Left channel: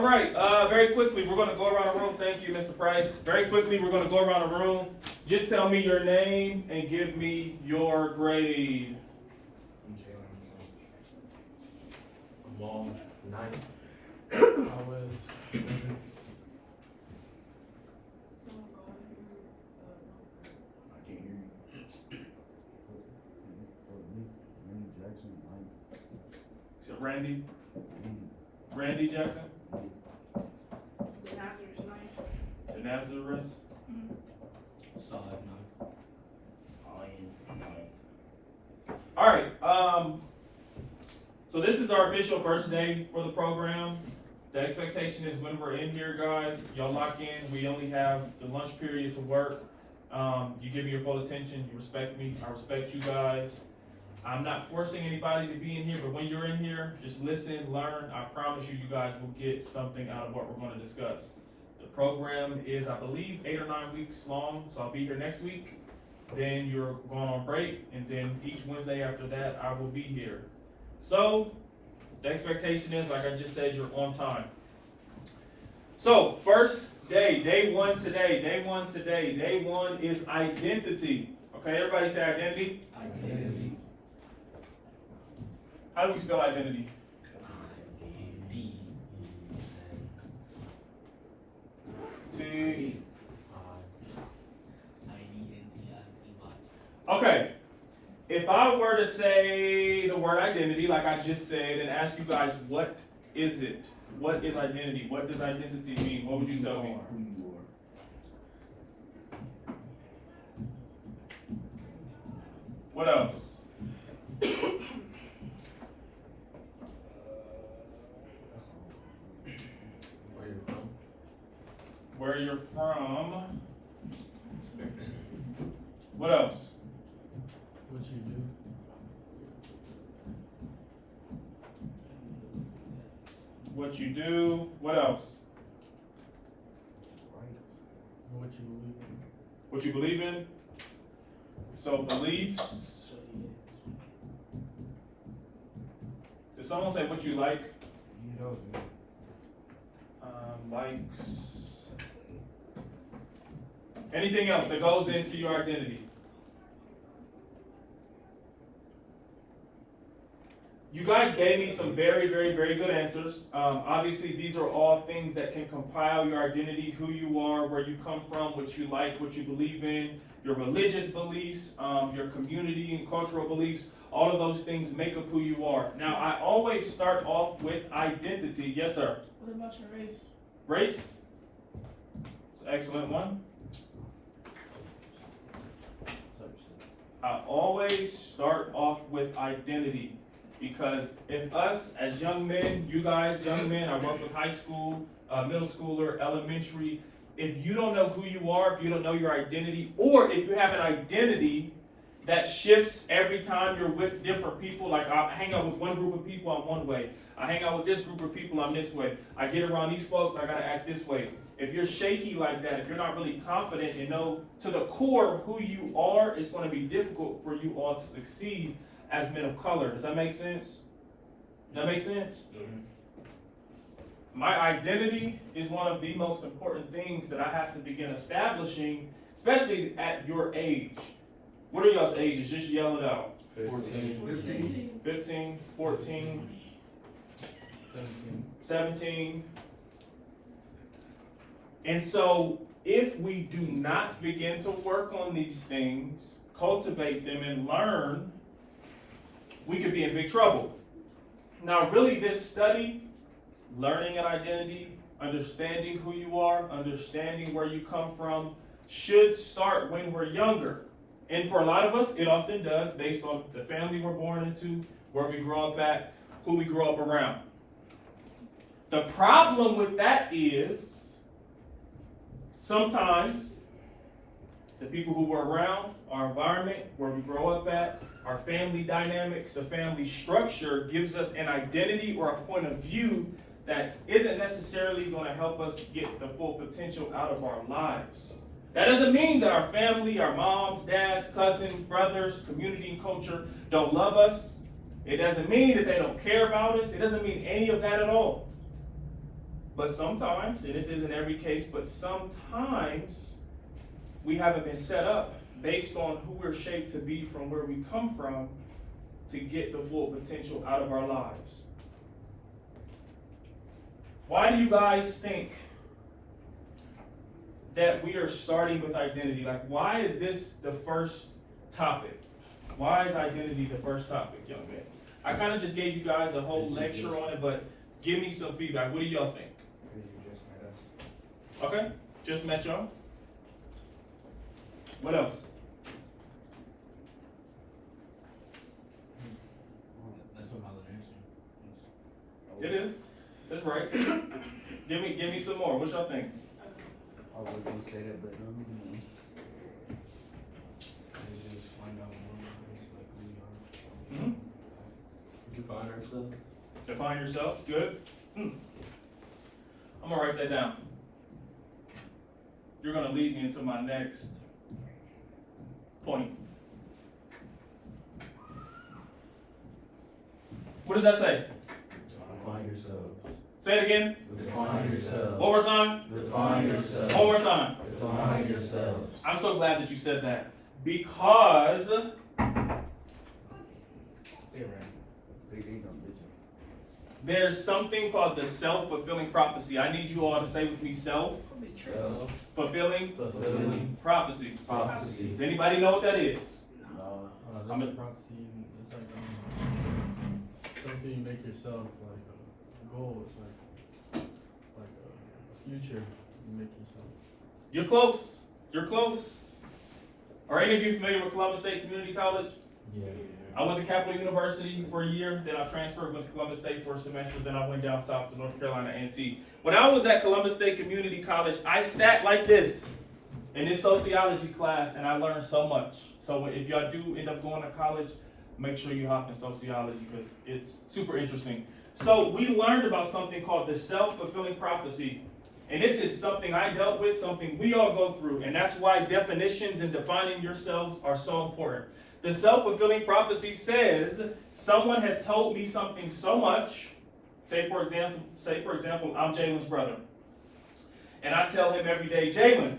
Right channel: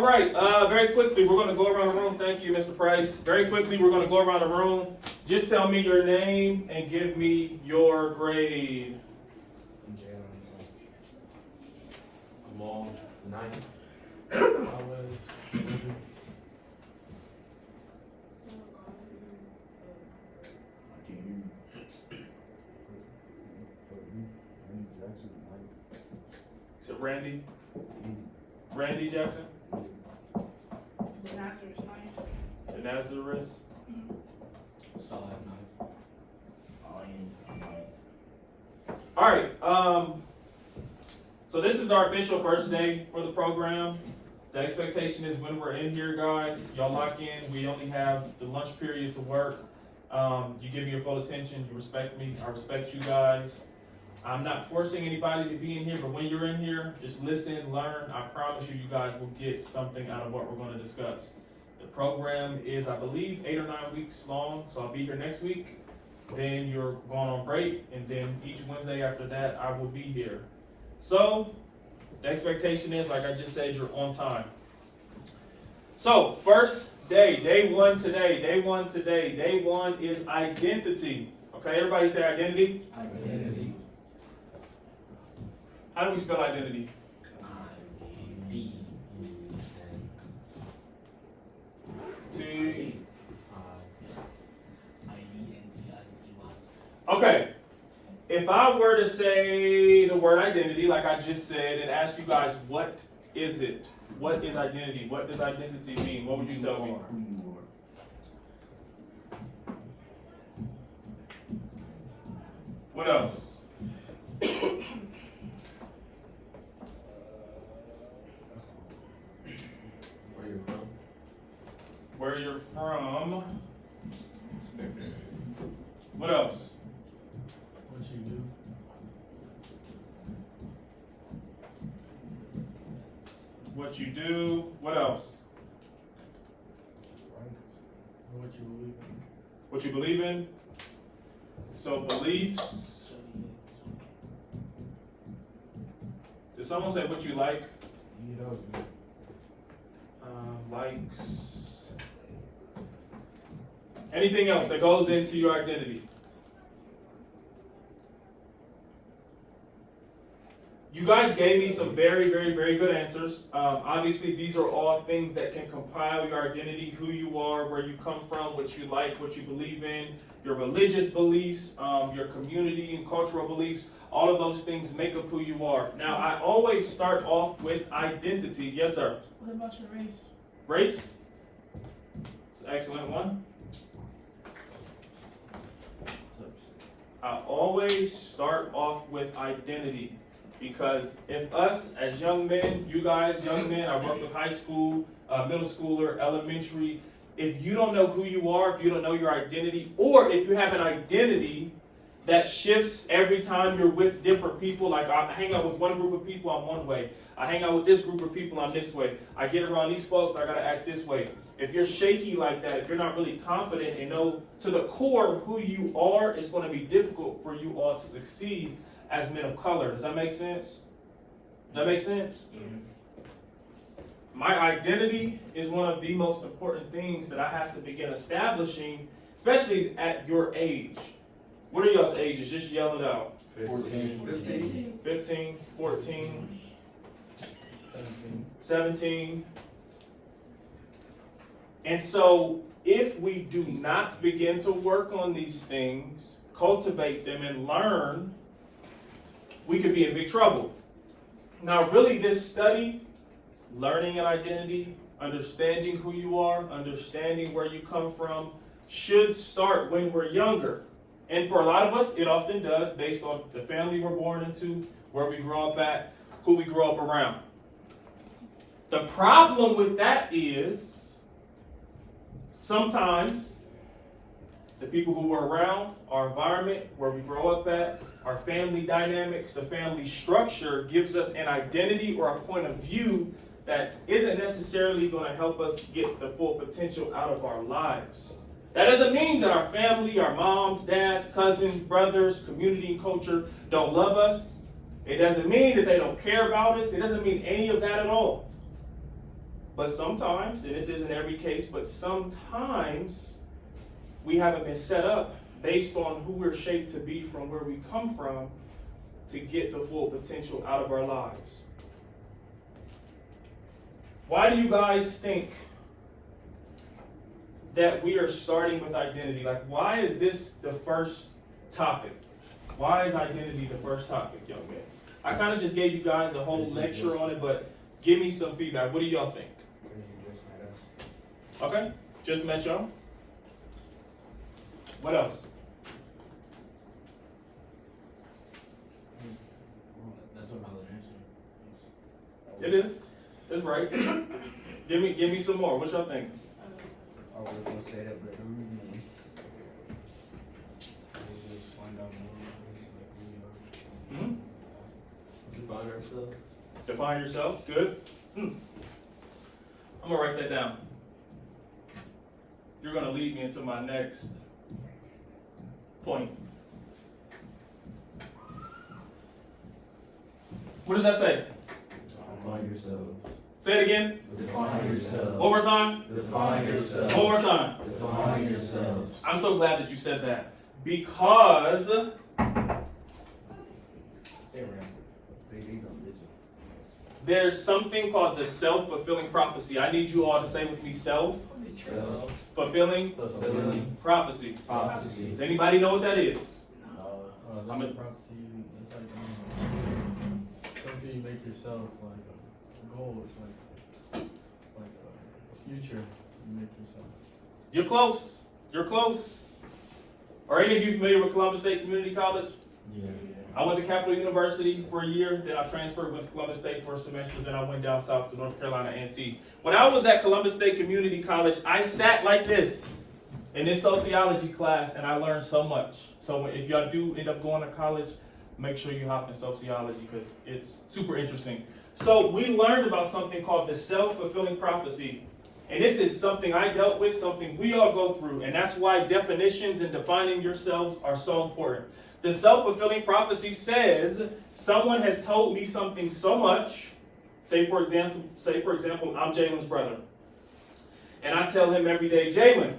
All right, very quickly, we're going to go around the room. Thank you, Mr. Price. Very quickly, we're going to go around the room. Just tell me your name and give me your grade. I'm Jameson. I'm on 9th. I was. Is it Randy? Randy Jackson? The Nazareth? Solid 9. All right, so this is our official first day for the program. The expectation is when we're in here, guys, y'all lock in. We only have the lunch period to work. You give me your full attention, you respect me, I respect you guys. I'm not forcing anybody to be in here, but when you're in here, just listen, learn. I promise you, you guys will get something out of what we're going to discuss. The program is, I believe, 8 or 9 weeks long, so I'll be here next week. Then you're going on break, and then each Wednesday after that, I will be here. So, the expectation is, like I just said, you're on time. So, first day, day one today, day one today. Day one is identity. Okay, everybody say identity. Identity. How do we spell identity? T. Okay. If I were to say the word identity, like I just said, and ask you guys, what is it? What is identity? What does identity mean? What would you tell me? What else? Where you're from. What else? What you do. What you do. What else? What you believe in. What you believe in. So beliefs. Did someone say what you like? Likes. Anything else that goes into your identity? You guys gave me some very, very, very good answers. Obviously, these are all things that can compile your identity, who you are, where you come from, what you like, what you believe in, your religious beliefs, your community and cultural beliefs. All of those things make up who you are. Now, I always start off with identity. Yes, sir? What about your race? Race? It's an excellent one. I always start off with identity. Because if us as young men, you guys, young men, I work with high school, middle schooler, elementary, if you don't know who you are, if you don't know your identity, or if you have an identity that shifts every time you're with different people, like I hang out with one group of people, I'm one way. I hang out with this group of people, I'm this way. I get around these folks, I gotta act this way. If you're shaky like that, if you're not really confident and know to the core of who you are, it's gonna be difficult for you all to succeed as men of color. Does that make sense? That make sense? Yeah. My identity is one of the most important things that I have to begin establishing, especially at your age. What are y'all's ages? Just yell it out. 15. 15, 14, 17. 17. And so if we do not begin to work on these things, cultivate them and learn, we could be in big trouble. Now, really, this study, learning an identity, understanding who you are, understanding where you come from, should start when we're younger. And for a lot of us, it often does, based on the family we're born into, where we grow up at, who we grow up around. The problem with that is, sometimes the people who we're around, our environment, where we grow up at, our family dynamics, the family structure gives us an identity or a point of view that isn't necessarily going to help us get the full potential out of our lives. That doesn't mean that our family, our moms, dads, cousins, brothers, community, and culture don't love us. It doesn't mean that they don't care about us. It doesn't mean any of that at all. But sometimes, and this isn't every case, but sometimes we haven't been set up based on who we're shaped to be from where we come from to get the full potential out of our lives. Why do you guys think that we are starting with identity? Like, why is this the first topic? Why is identity the first topic, young man? I kind of just gave you guys a whole lecture on it, but give me some feedback. What do y'all think? Okay, just met y'all. What else? That's a valid answer. It is. That's right. Give me some more. What y'all think? I was gonna say that, but we just find out more. Define ourselves. Define yourself. Good. I'm gonna write that down. You're gonna lead me into my next point. What does that say? Define yourself. Say it again. Define yourself. One more time. Define yourself. One more time. Define yourself. I'm so glad that you said that, because Yeah, right. there's something called the self-fulfilling prophecy. I need you all to say with me, self-fulfilling Fulfilling prophecy. prophecy. Does anybody know what that is? That's I'm a a- prophecy. It's like something you make yourself, like a goal. It's like a future you make yourself. You're close. You're close. Are any of you familiar with Columbus State Community College? Yeah. I went to Capital University for a year, then I transferred, went to Columbus State for a semester, then I went down south to North Carolina A&T. When I was at Columbus State Community College, I sat like this in this sociology class, and I learned so much. So if y'all do end up going to college, make sure you hop in sociology because it's super interesting. So we learned about something called the self-fulfilling prophecy. And this is something I dealt with, something we all go through, and that's why definitions and defining yourselves are so important. The self-fulfilling prophecy says someone has told me something so much. Say for example, I'm Jalen's brother, and I tell him every day, Jalen,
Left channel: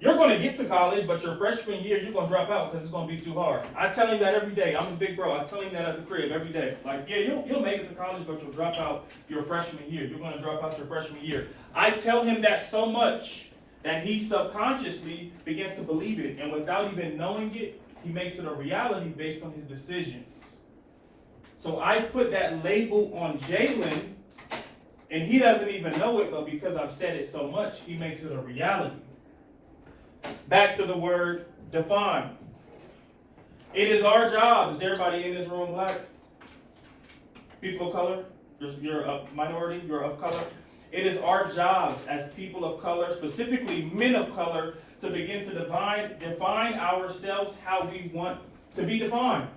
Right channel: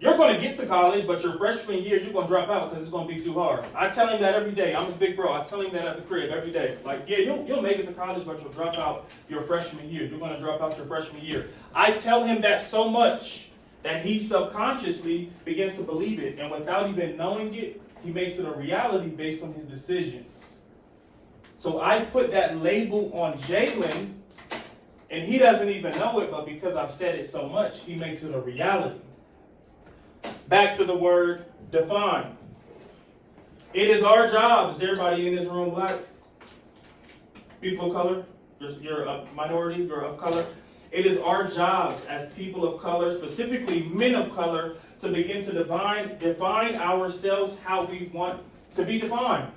you're going to get to college, but your freshman year you're going to drop out because it's going to be too hard. I tell him that every day. I'm his big bro. I tell him that at the crib every day. Like, yeah, you'll make it to college, but you'll drop out your freshman year. You're going to drop out your freshman year. I tell him that so much that he subconsciously begins to believe it, and without even knowing it, he makes it a reality based on his decisions. So I put that label on Jalen, and he doesn't even know it, but because I've said it so much, he makes it a reality. Back to the word define. It is our job. Is everybody in this room black? People of color? You're a minority, you're of color. It is our jobs as people of color, specifically men of color, to begin to define ourselves how we want to be defined.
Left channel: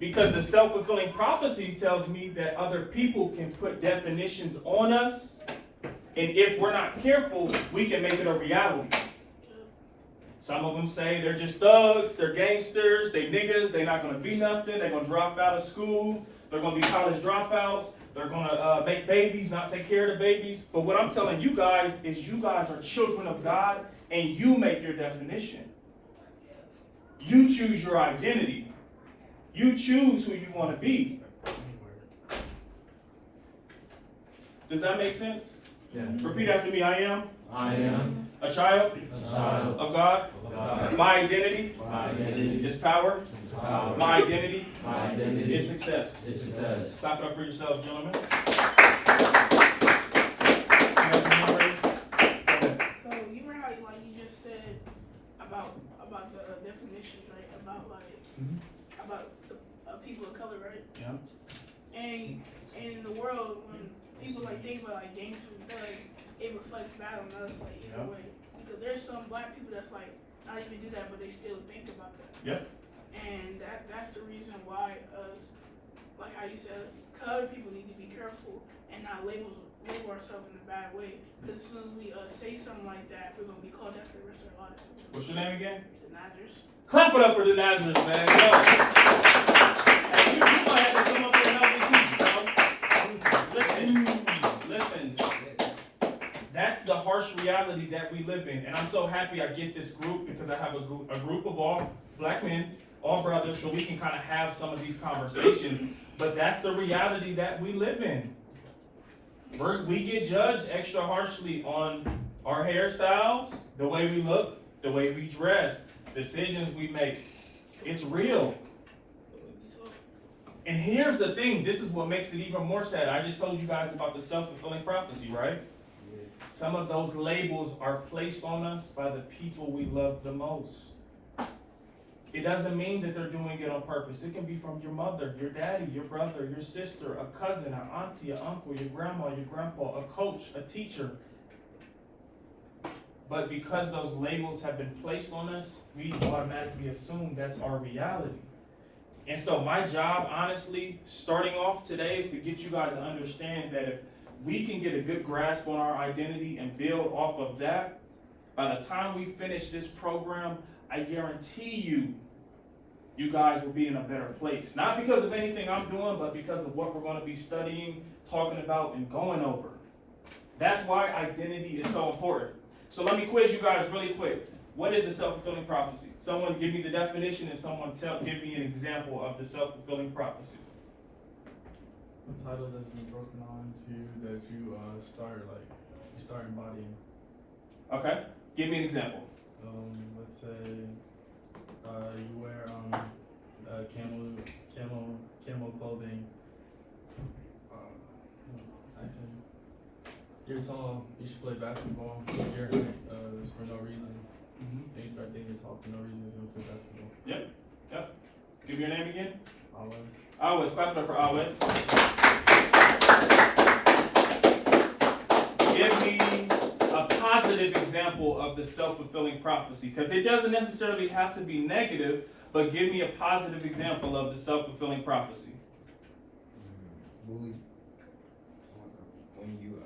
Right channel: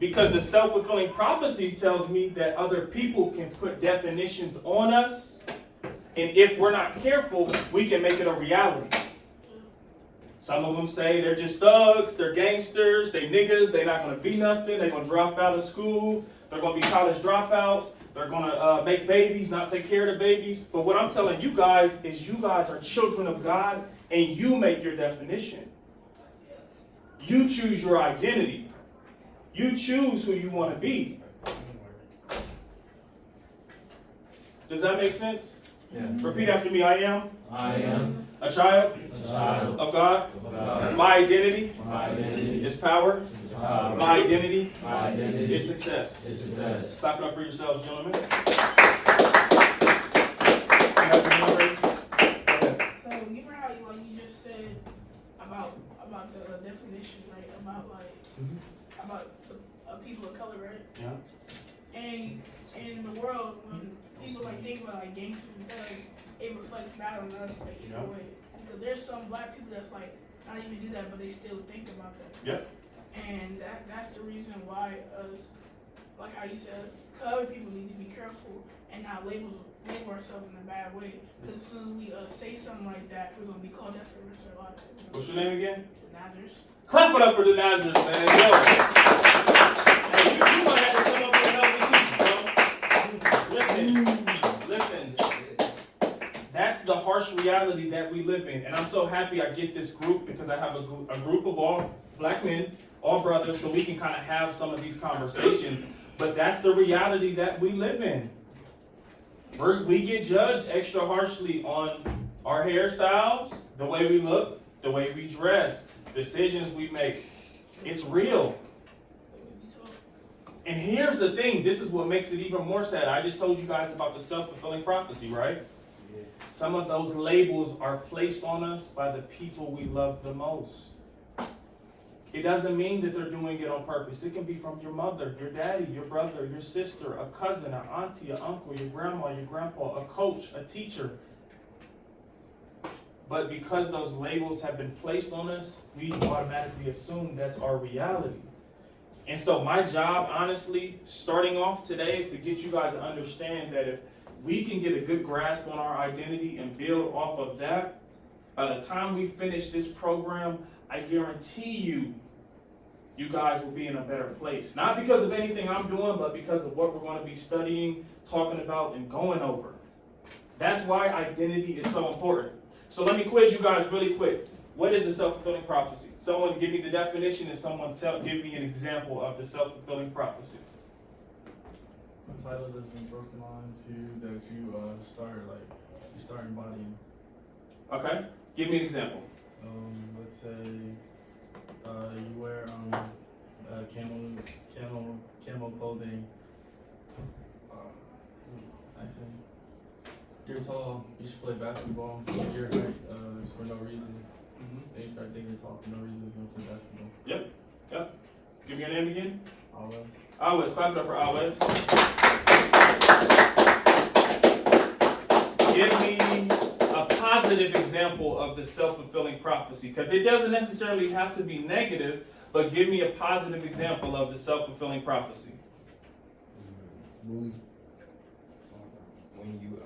Because the self-fulfilling prophecy tells me that other people can put definitions on us, and if we're not careful, we can make it a reality. Some of them say they're just thugs, they're gangsters, they niggas, they're not going to be nothing, they're going to drop out of school, they're going to be college dropouts, they're going to make babies, not take care of the babies. But what I'm telling you guys is you guys are children of God, and you make your definition. You choose your identity. You choose who you want to be. Does that make sense? Yeah. Repeat after me. I am I am a child a child of God. of God. My identity My identity is power. is power. My identity My identity is success. is success. Clap it up for yourselves, gentlemen. So you remember how you just said about the definition, right? About the people of color, right? Yeah. And in the world, when people think about gangsters and thugs, it reflects bad on us in a way. Because there's some black people that's not even do that, but they still think about that. Yep. And that's the reason why us, like how you said, other people need to be careful and not label ourselves in a bad way. Because as soon as we say something like that, we're gonna be called that for the rest of our lives. What's your name again? Nazareth. Clap it up for the Nazareth, man. Yo. Hey, you might have to come up here and help me teach, bro. Listen, that's the harsh reality that we live in. And I'm so happy I get this group because I have a group of all black men, all brothers, so we can kind of have some of these conversations. But that's the reality that we live in. We get judged extra harshly on our hairstyles, the way we look, the way we dress, decisions we make. It's real. And here's the thing, this is what makes it even more sad. I just told you guys about the self-fulfilling prophecy, right? Yeah. Some of those labels are placed on us by the people we love the most. It doesn't mean that they're doing it on purpose. It can be from your mother, your daddy, your brother, your sister, a cousin, an auntie, an uncle, your grandma, your grandpa, a coach, a teacher. But because those labels have been placed on us, we automatically assume that's our reality. And so my job, honestly, starting off today is to get you guys to understand that if we can get a good grasp on our identity and build off of that, by the time we finish this program, I guarantee you guys will be in a better place. Not because of anything I'm doing, but because of what we're going to be studying, talking about, and going over. That's why identity is so important. So let me quiz you guys really quick. What is the self-fulfilling prophecy? Someone give me the definition and someone give me an example of the self-fulfilling prophecy. A title that's been broken on to that you start embodying. Okay, give me an example. Let's say you wear camo clothing. Actually, you're tall. You should play basketball. Your height is for no reason. They start thinking tall for no reason to play basketball. Yep. Give me your name again. Always. Always. Clap it up for Always. Give me a positive example of the self-fulfilling prophecy, because it doesn't necessarily have to be negative, but give me a positive example of the self-fulfilling prophecy. When you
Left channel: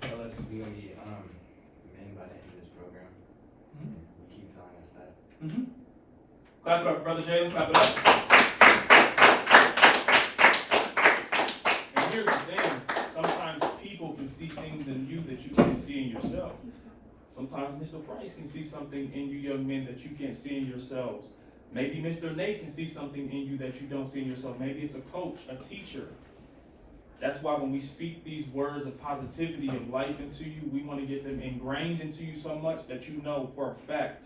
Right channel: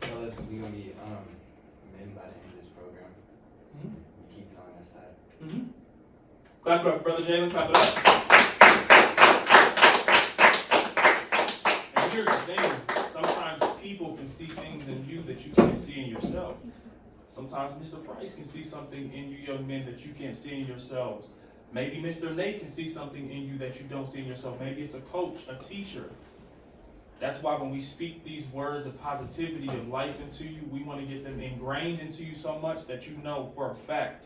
tell us we gonna be men by the end of this program, you keep telling us that. Clap it up for Brother Jalen. Clap it up. And here's the thing. Sometimes people can see things in you that you can't see in yourself. Sometimes Mr. Price can see something in you young men that you can't see in yourselves. Maybe Mr. Nate can see something in you that you don't see in yourself. Maybe it's a coach, a teacher. That's why when we speak these words of positivity, of life into you, we want to get them ingrained into you so much that you know for a fact,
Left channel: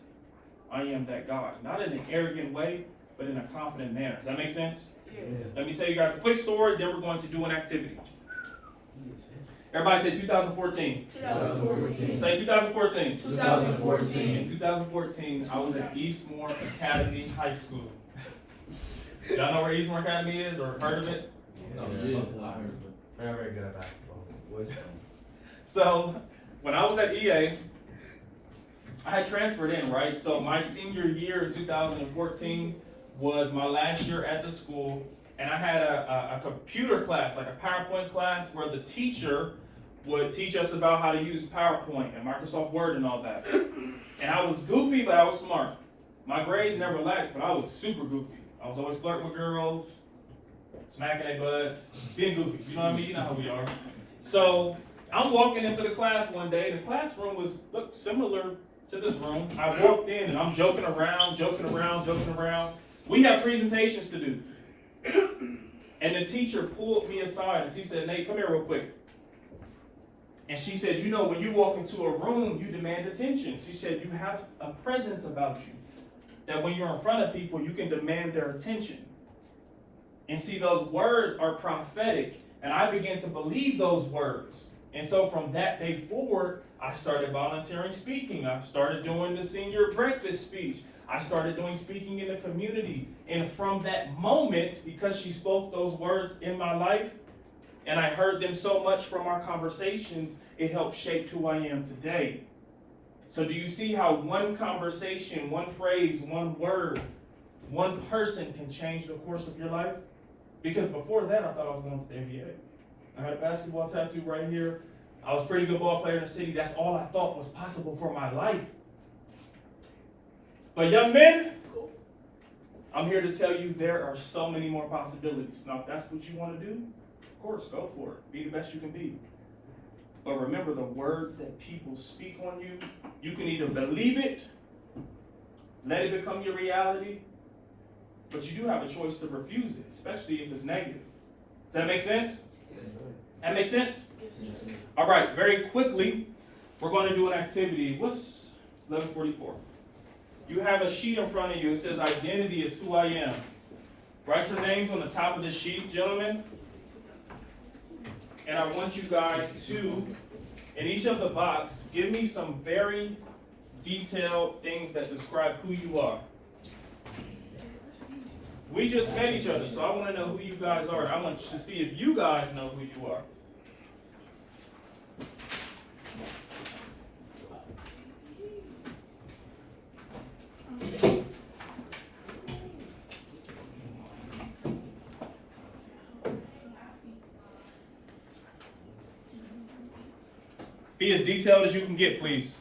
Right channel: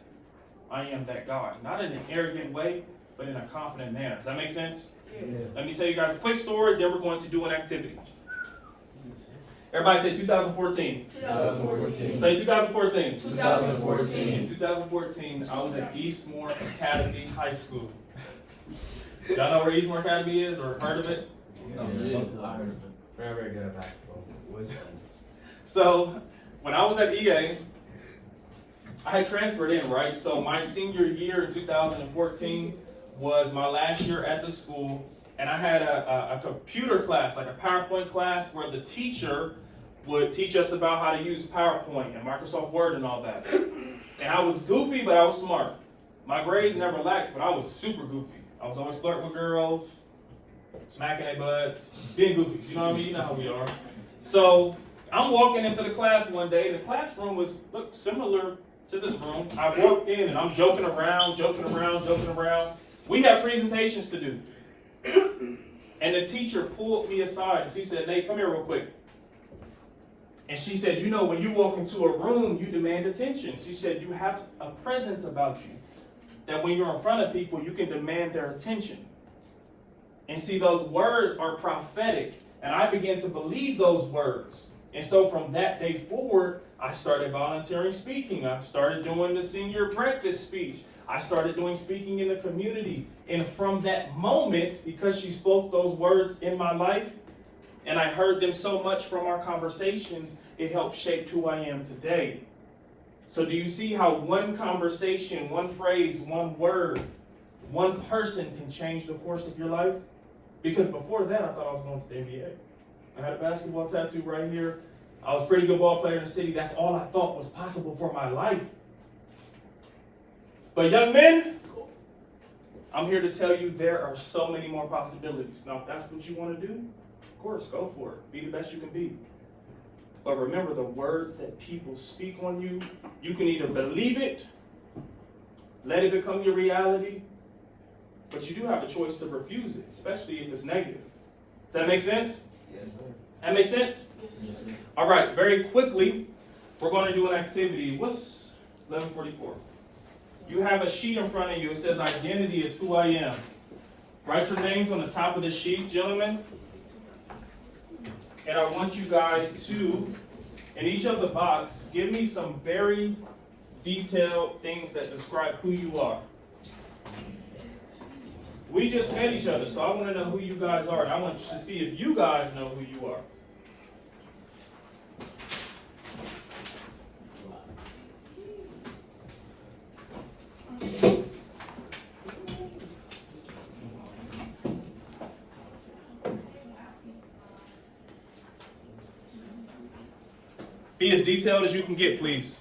I am that God. Not in an arrogant way, but in a confident manner. Does that make sense? Yeah. Let me tell you guys a quick story, then we're going to do an activity. Everybody say 2014. 2014. Say 2014. 2014. In 2014, I was at Eastmore Academy High School. Y'all know where Eastmore Academy is or heard of it? Very good at basketball. So, when I was at EA, I had transferred in, right? So my senior year in 2014 was my last year at the school, and I had a computer class, like a PowerPoint class, where the teacher would teach us about how to use PowerPoint and Microsoft Word and all that. And I was goofy, but I was smart. My grades never lacked, but I was super goofy. I was always flirting with girls, smacking their butts, getting goofy. You know what I mean? You know how we are. So I'm walking into the class one day, and the classroom was similar to this room. I walked in, and I'm joking around. We have presentations to do. And the teacher pulled me aside, and she said, Nate, come here real quick. And she said, you know, when you walk into a room, you demand attention. She said, you have a presence about you, that when you're in front of people, you can demand their attention. And see, those words are prophetic, and I began to believe those words. And so from that day forward, I started volunteering speaking. I started doing the senior breakfast speech. I started doing speaking in the community. And from that moment, because she spoke those words in my life, and I heard them so much from our conversations, it helped shape who I am today. So do you see how one conversation, one phrase, one word, one person can change the course of your life? Because before that, I thought I was going to the NBA. I had a basketball tattoo right here. I was a pretty good ball player in the city. That's all I thought was possible for my life. But young men, I'm here to tell you there are so many more possibilities. Now, if that's what you want to do, of course, go for it. Be the best you can be. But remember, the words that people speak on you, you can either believe it, let it become your reality, but you do have a choice to refuse it, especially if it's negative. Does that make sense? Yes, sir. That make sense? Yes, sir. All right, very quickly, we're going to do an activity. What's 11:44? You have a sheet in front of you. It says identity is who I am. Write your names on the top of the sheet, gentlemen. And I want you guys to, in each of the box, give me some very detailed things that describe who you are. We just met each other, so I want to know who you guys are. I want to see if you guys know who you are. Be as detailed as you can get, please.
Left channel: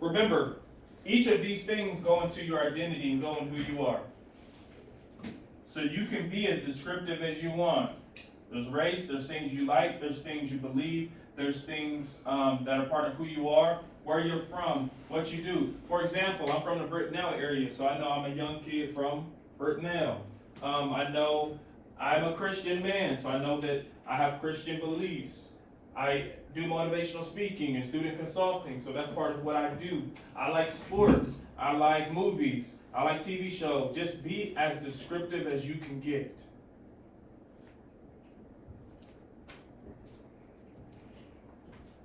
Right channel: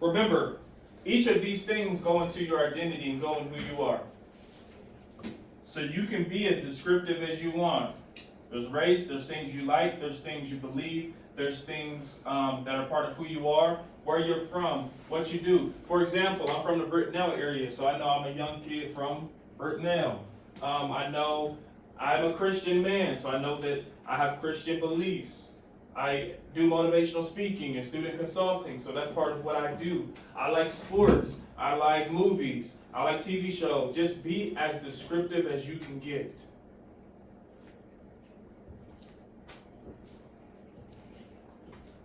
Remember, each of these things go into your identity and go in who you are. So you can be as descriptive as you want. There's race, there's things you like, there's things you believe, there's things that are part of who you are, where you're from, what you do. For example, I'm from the Brittenell area, so I know I'm a young kid from Brittenell. I know I'm a Christian man, so I know that I have Christian beliefs. I do motivational speaking and student consulting, so that's part of what I do. I like sports, I like movies, I like TV shows. Just be as descriptive as you can get.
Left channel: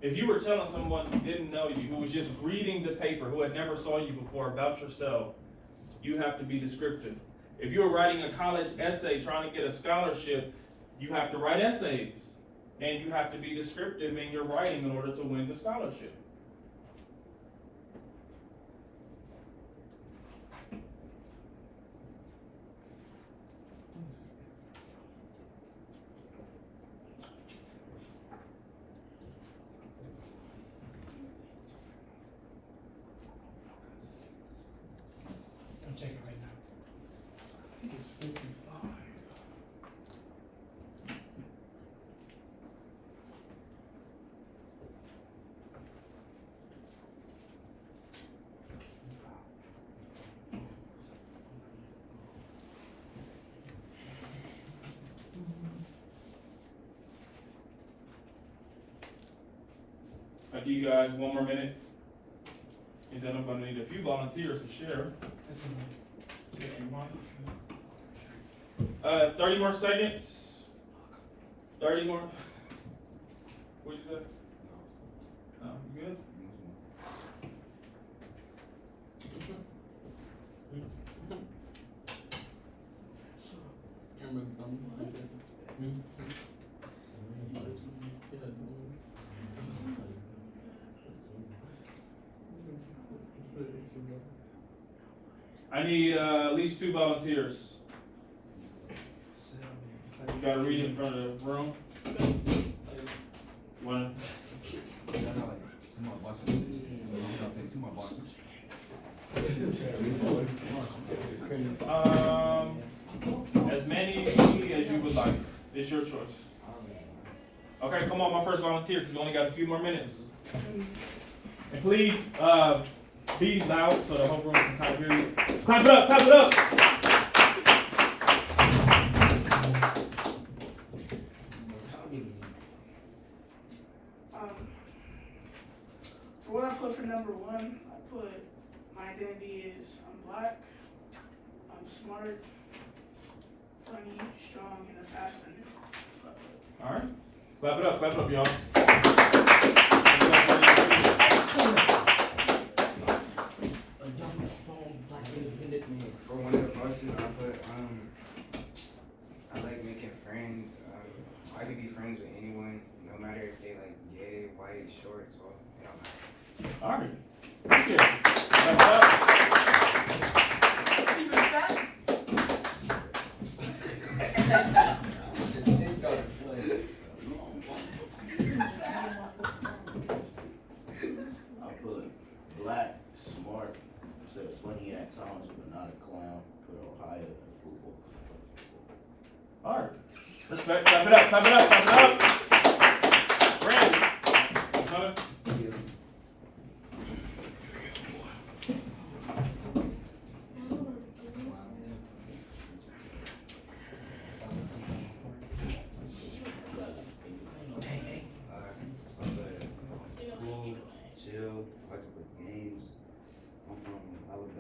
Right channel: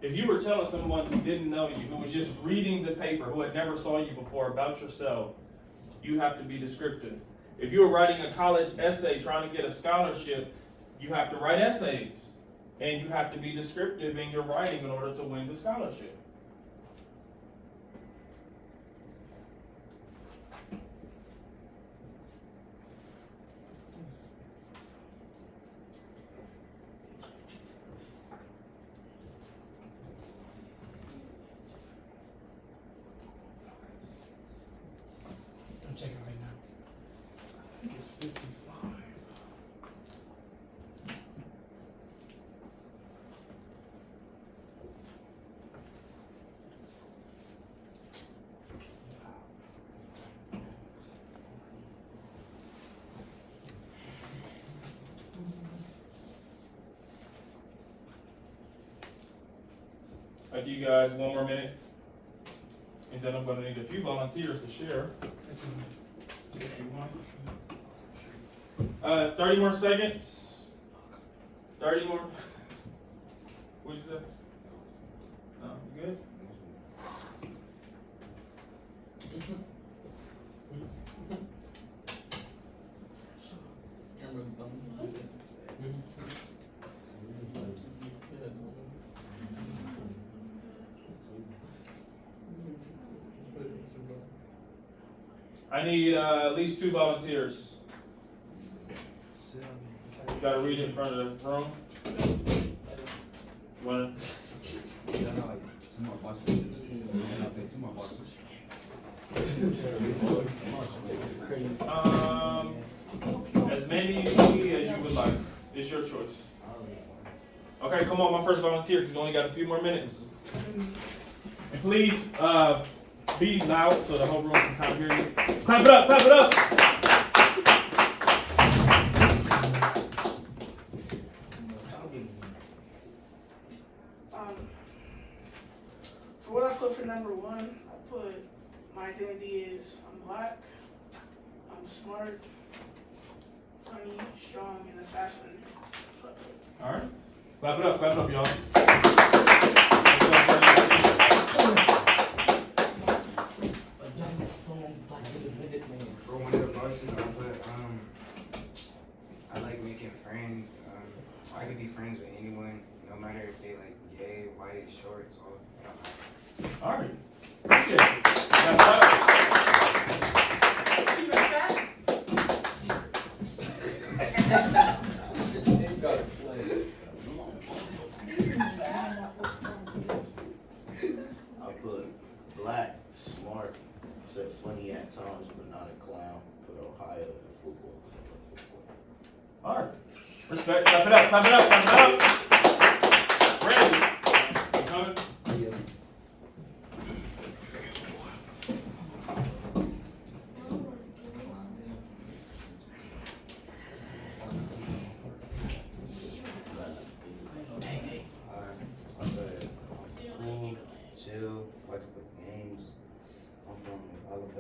If you were telling someone who didn't know you, who was just reading the paper, who had never saw you before about yourself, you have to be descriptive. If you were writing a college essay trying to get a scholarship, you have to write essays. And you have to be descriptive in your writing in order to win the scholarship. I'm checking right now. I think it's 55. I'll give you guys one more minute, and then I'm going to need a few volunteers to share. 30 more seconds. 30 more. What'd you say? No, you good? I need at least 2 volunteers. You gotta read in front of the room. One. Yeah, no, like, 2 more boxes. Yeah, okay, 2 more boxes. As many as you would like. It's your choice. Okay, come on, my first volunteer, because we only got a few more minutes. And please, be loud so the whole room can kind of hear you. Clap it up, clap it up! For what I put for number one, I put my identity is I'm black, I'm smart, funny, strong, and a fast learner. That's what I put. Alright. Clap it up, y'all. For one of the functions, I put, I like making friends. I could be friends with anyone, no matter if they like gay, white, short, tall. It don't matter. Alright. Appreciate it. Clap it up. You like that? I put black, smart, said funny at times, but not a clown. Put Ohio in football. Alright. Respect. Clap it up, clap it up, clap it up.